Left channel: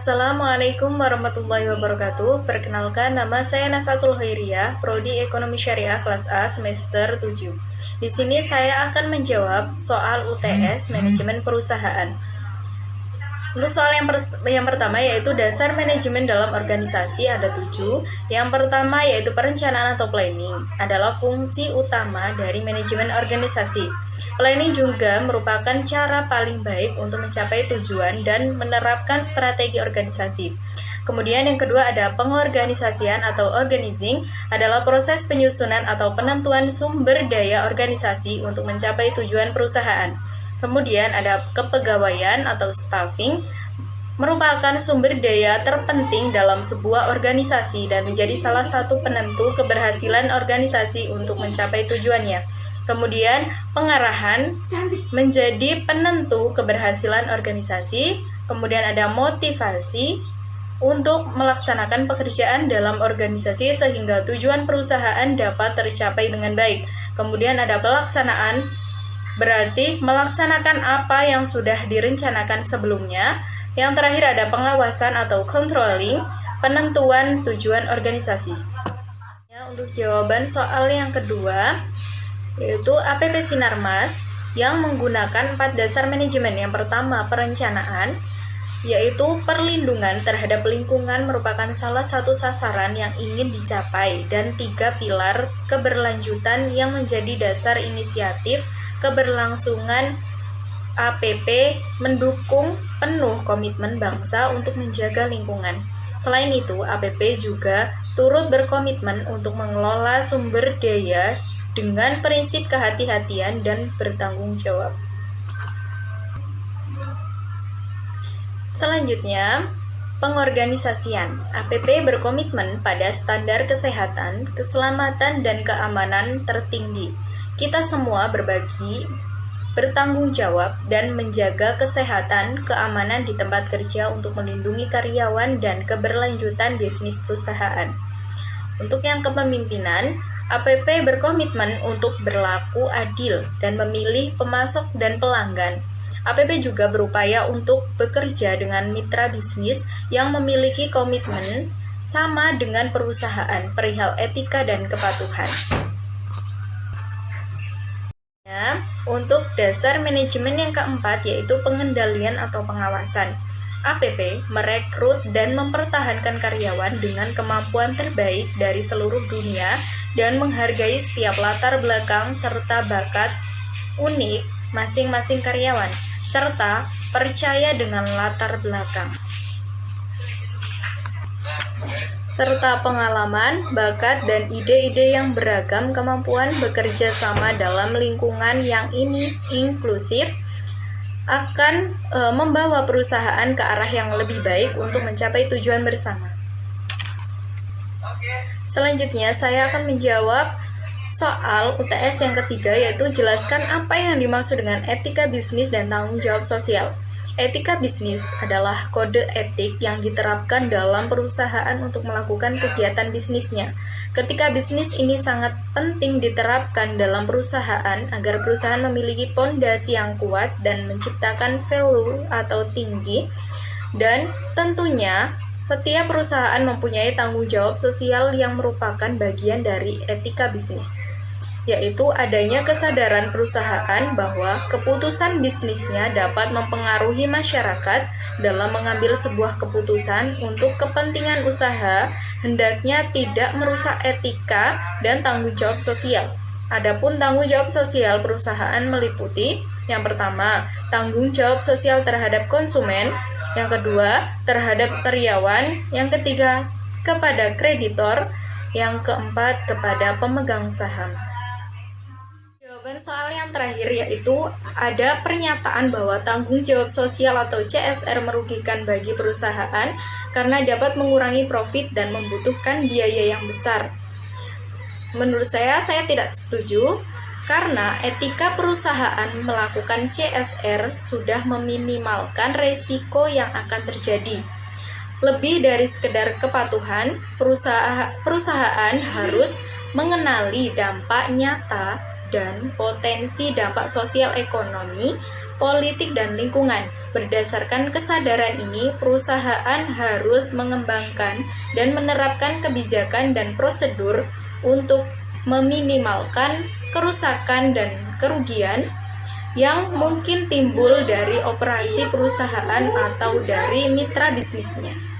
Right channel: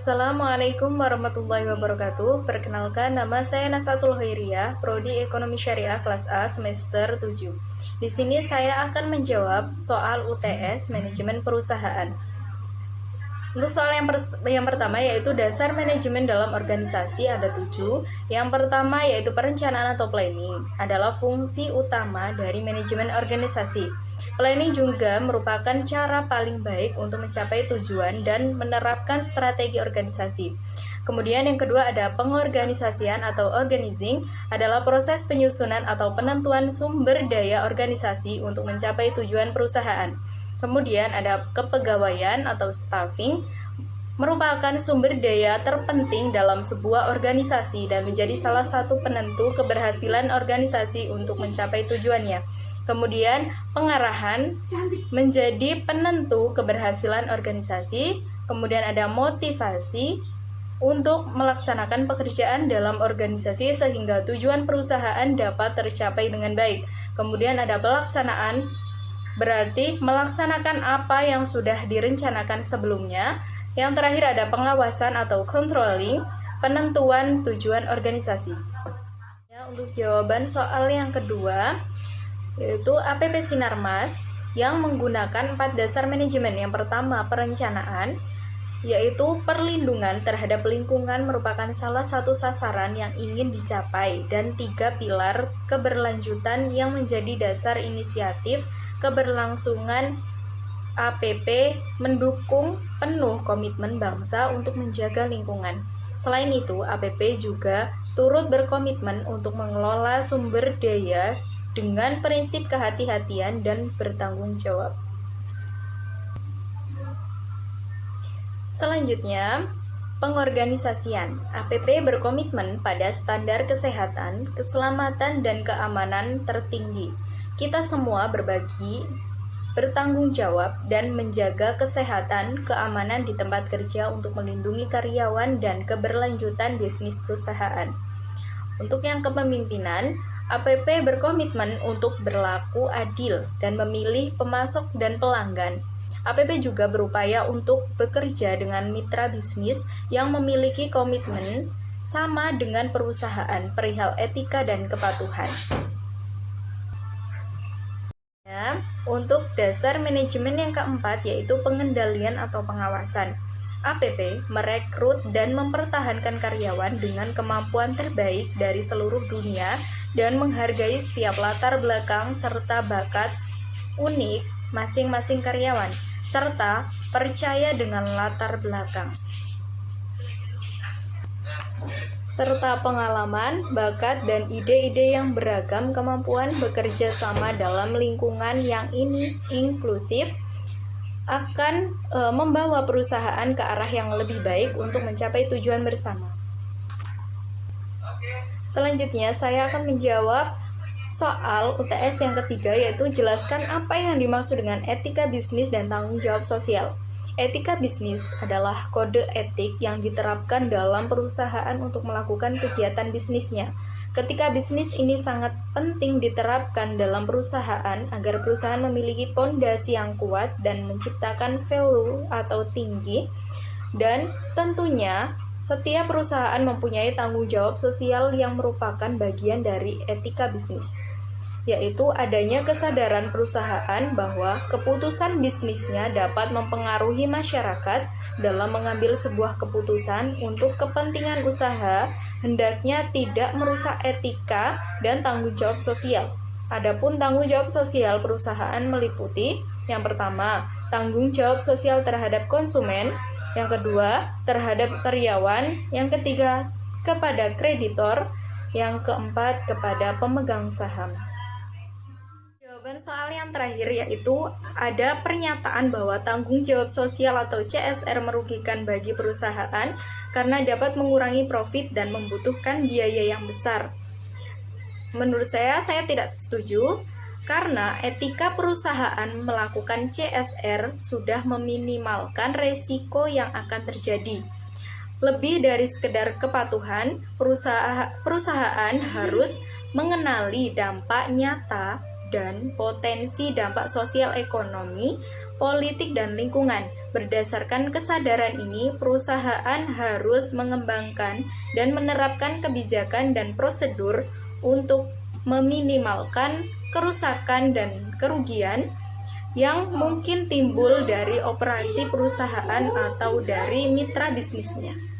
Assalamualaikum warahmatullahi wabarakatuh. Perkenalkan, nama saya Nasatul Khairiyah, Prodi Ekonomi Syariah kelas A semester 7. Di sini saya akan menjawab soal UTS Manajemen Perusahaan. Untuk soal yang pertama yaitu dasar manajemen dalam organisasi ada 7. Yang pertama yaitu perencanaan atau planning adalah fungsi utama dari manajemen organisasi. Planning juga merupakan cara paling baik untuk mencapai tujuan dan menerapkan strategi organisasi. Kemudian yang kedua ada pengorganisasian atau organizing adalah proses penyusunan atau penentuan sumber daya organisasi untuk mencapai tujuan perusahaan. Kemudian ada kepegawaian atau staffing, merupakan sumber daya terpenting dalam sebuah organisasi dan menjadi salah satu penentu keberhasilan organisasi untuk mencapai tujuannya. Kemudian pengarahan menjadi penentu keberhasilan organisasi. Kemudian ada motivasi untuk melaksanakan pekerjaan dalam organisasi sehingga tujuan perusahaan dapat tercapai dengan baik. Kemudian ada pelaksanaan, berarti melaksanakan apa yang sudah direncanakan sebelumnya. Yang terakhir ada pengawasan atau controlling, penentuan tujuan organisasi. Untuk jawaban soal yang kedua, yaitu APP Sinarmas yang menggunakan 4 dasar manajemen. Yang pertama, perencanaan, yaitu perlindungan terhadap lingkungan merupakan salah satu sasaran yang ingin dicapai, dan 3 pilar keberlanjutan yang menjadi dasar inisiatif keberlangsungan APP mendukung penuh komitmen bangsa untuk menjaga lingkungan. Selain itu, APP juga turut berkomitmen untuk mengelola sumber daya dengan prinsip kehati-hatian dan bertanggung jawab. Selanjutnya, pengorganisasian. APP berkomitmen pada standar kesehatan, keselamatan, dan keamanan tertinggi. Kita semua bertanggung jawab dan menjaga kesehatan, keamanan di tempat kerja untuk melindungi karyawan dan keberlanjutan bisnis perusahaan. Untuk yang kepemimpinan, APP berkomitmen untuk berlaku adil dan memilih pemasok dan pelanggan. APP juga berupaya untuk bekerja dengan mitra bisnis yang memiliki komitmen sama dengan perusahaan perihal etika dan kepatuhan. Untuk dasar manajemen yang keempat yaitu pengendalian atau pengawasan. APP merekrut dan mempertahankan karyawan dengan kemampuan terbaik dari seluruh dunia dan menghargai setiap latar belakang serta bakat unik masing-masing karyawan, serta percaya dengan latar belakang serta pengalaman, bakat, dan ide-ide yang beragam. Kemampuan bekerja sama dalam lingkungan yang ini inklusif akan membawa perusahaan ke arah yang lebih baik untuk mencapai tujuan bersama. Selanjutnya, saya akan menjawab soal UTS yang ketiga, yaitu jelaskan apa yang dimaksud dengan etika bisnis dan tanggung jawab sosial. Etika bisnis adalah kode etik yang diterapkan dalam perusahaan untuk melakukan kegiatan bisnisnya. Ketika bisnis ini sangat penting diterapkan dalam perusahaan agar perusahaan memiliki pondasi yang kuat dan menciptakan value atau tinggi. Dan tentunya setiap perusahaan mempunyai tanggung jawab sosial yang merupakan bagian dari etika bisnis, yaitu adanya kesadaran perusahaan bahwa keputusan bisnisnya dapat mempengaruhi masyarakat. Dalam mengambil sebuah keputusan untuk kepentingan usaha, hendaknya tidak merusak etika dan tanggung jawab sosial. Adapun tanggung jawab sosial perusahaan meliputi: yang pertama, tanggung jawab sosial terhadap konsumen; yang kedua, terhadap karyawan; yang ketiga, kepada kreditor; yang keempat, kepada pemegang saham. Soal yang terakhir yaitu ada pernyataan bahwa tanggung jawab sosial atau CSR merugikan bagi perusahaan karena dapat mengurangi profit dan membutuhkan biaya yang besar. Menurut saya tidak setuju, karena etika perusahaan melakukan CSR sudah meminimalkan resiko yang akan terjadi. Lebih dari sekedar kepatuhan, perusahaan harus mengenali dampak nyata dan potensi dampak sosial ekonomi politik, dan lingkungan. Berdasarkan kesadaran ini, perusahaan harus mengembangkan dan menerapkan kebijakan dan prosedur untuk meminimalkan kerusakan dan kerugian yang mungkin timbul dari operasi perusahaan atau dari mitra bisnisnya.